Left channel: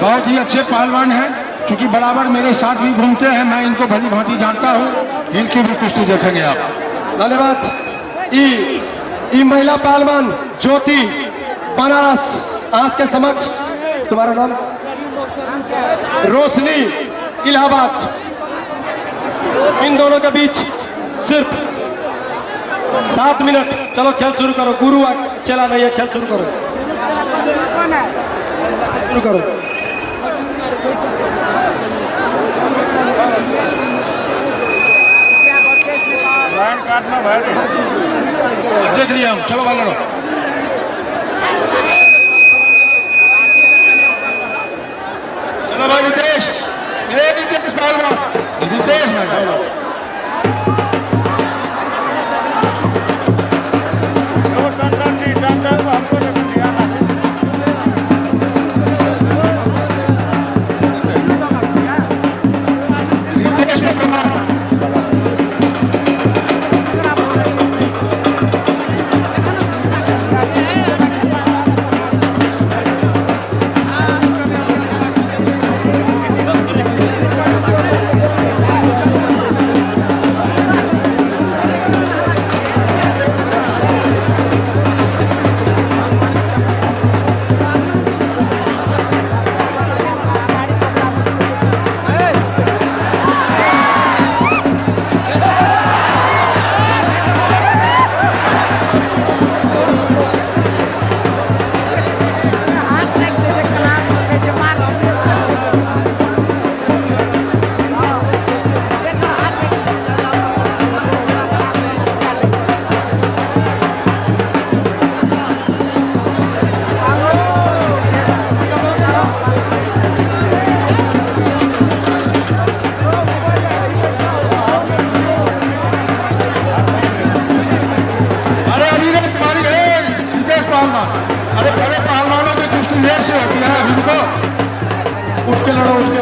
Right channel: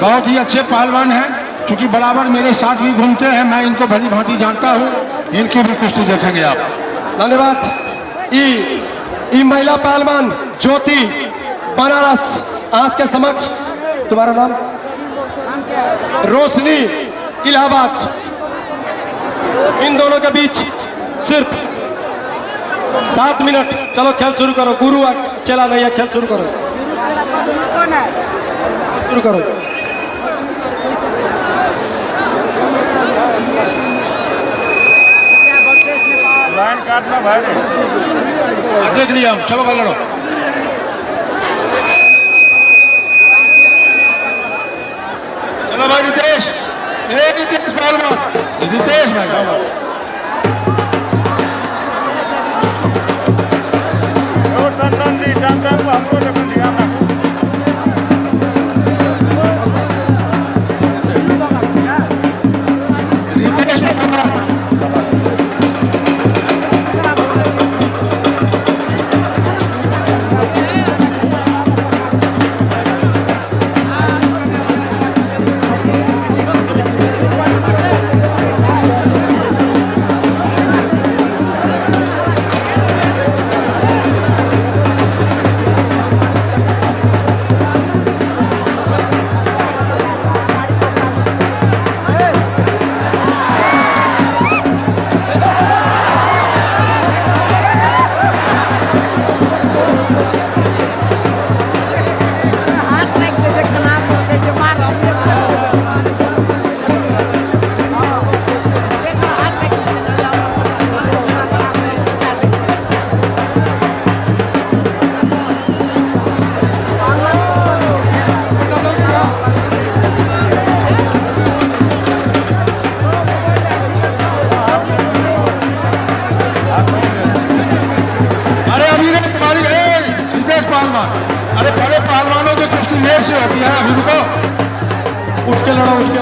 बहुत ही अच्छे पहलवान हैं, क्योंकि बराबर मेरे साथ भी घूमते हैं, मैं इनको भली भांति जानता हूँ। इनकी भी कुश्ती देखेंगे आप। धन्यवाद। ई महिला पहलवान ज्योति बनारस आज के समक्ष, तुम्हारा नाम? रोशनी इलाहाबाद। इन दोनों के बीच सिर्फ 7 मिनट। चलो खेल शुरू करो, गुरु चला नहीं है, खेल शुरू करो, शुरू करो। काटना भाई, देख लिया, चलो भाई लड़ो। चलो भाई रितेश, रितेश पहलवान, रितेश भाई चलो। उसके लिए